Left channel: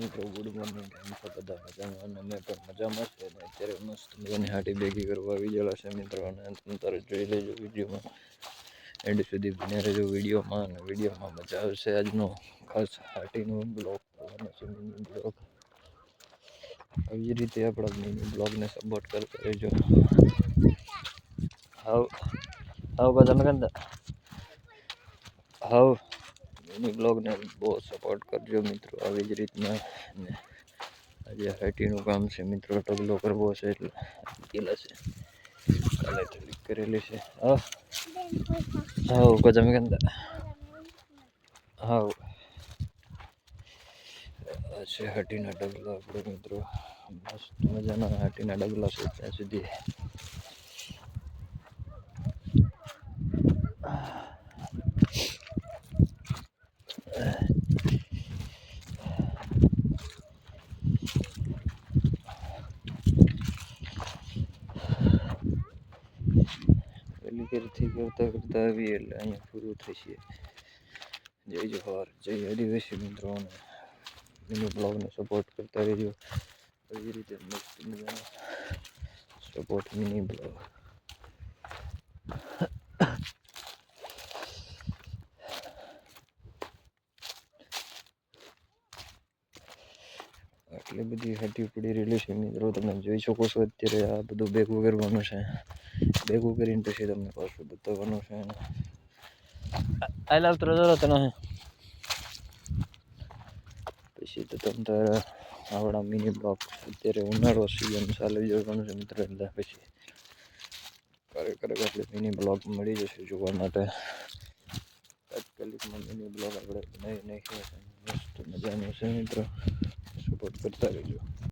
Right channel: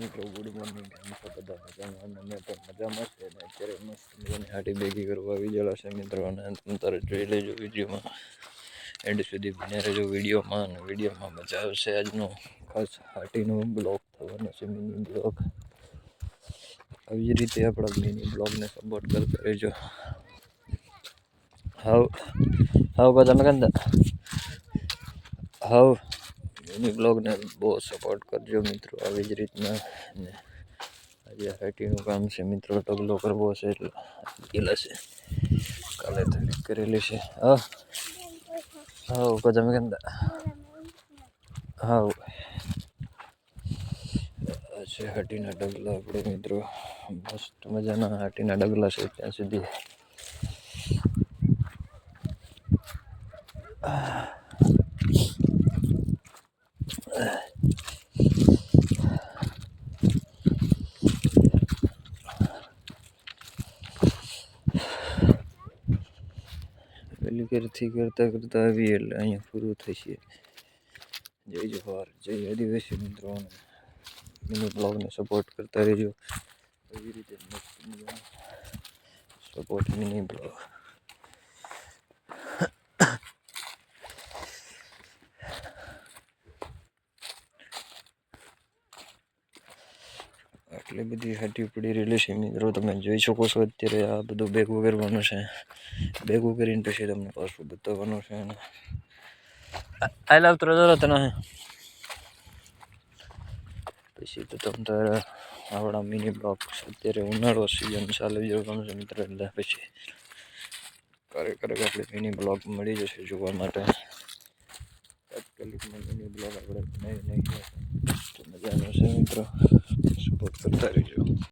મિત્રો good morning કેમ છો બધા મજામાં? અને મેં પણ મજામાં છે. અને અત્યારે મસ્ત મજાની હાટી ભેગી કરવા આવી ગયેલા છે મિત્રો. અને તમે તારે જોઈ લેજો વિડીયોમાં. એન્ડ સુધી બન્યા રહેજો વિડીયોમાં. અને વિડીયોમાં મજા આવશે આજનો ખાસ હાટીનો બ્લોગ. થવાનો છે મિની બ્લોગ. આવી રીતે આપણા મિની બ્લોગને સપોર્ટ કરતા રહેજો. હાવ હાવ બધા મેં કંદા હાવ. મિની બ્લોગને બહુ સપોર્ટ કરજો મિત્રો. આવી જ રીતના ને આજે હાઈટીનું કામ છે મિત્રો. ઢગલો કરવો છે એટલે ગયેલા છે. કાલે તારીખ કરેલી છે. હા. હા બધા તમે કંદા? હા છે હાટીના ડગલા આપણે મિત્રો. મસ્ત મજાના હાટીના ડગલા છે ત્યાં સુધી. પેલી કરથી કરતાં કરતાં આવીએ એટલે અહીંયા પૂરું થશે જય જોહાર જય આદિવાસી મિત્રો અને મિની બ્લોગને સપોર્ટ કરતા રહેજો. એવી રીતે મસ્ત મજાનો સપોર્ટ મિની બ્લોગ આટલી બધી હટી પડી રહેલી છે મિત્રો તમે જોઈ શકો છો અત્યારે આ બધું ભેગું કરવાનું છે. ભેગું કરીને પછી તમને પાછું બતાવવાનું છે આઈ લવ ત્રણ તને. પછી તો તમે તારે આવડા મિની બ્લોક અત્યારે ઉનાળો સિઝન ચાલે જવાનું છે મિત્ર. પછી કરે એટલે મિની બ્લોગ મળી જશે જોવા માટે. તાત્કાલિકમાં મિની બ્લોગ આપણે નાખ્યો છે મજાનો છે મિત્રો. સપોર્ટ કરતા રહેજો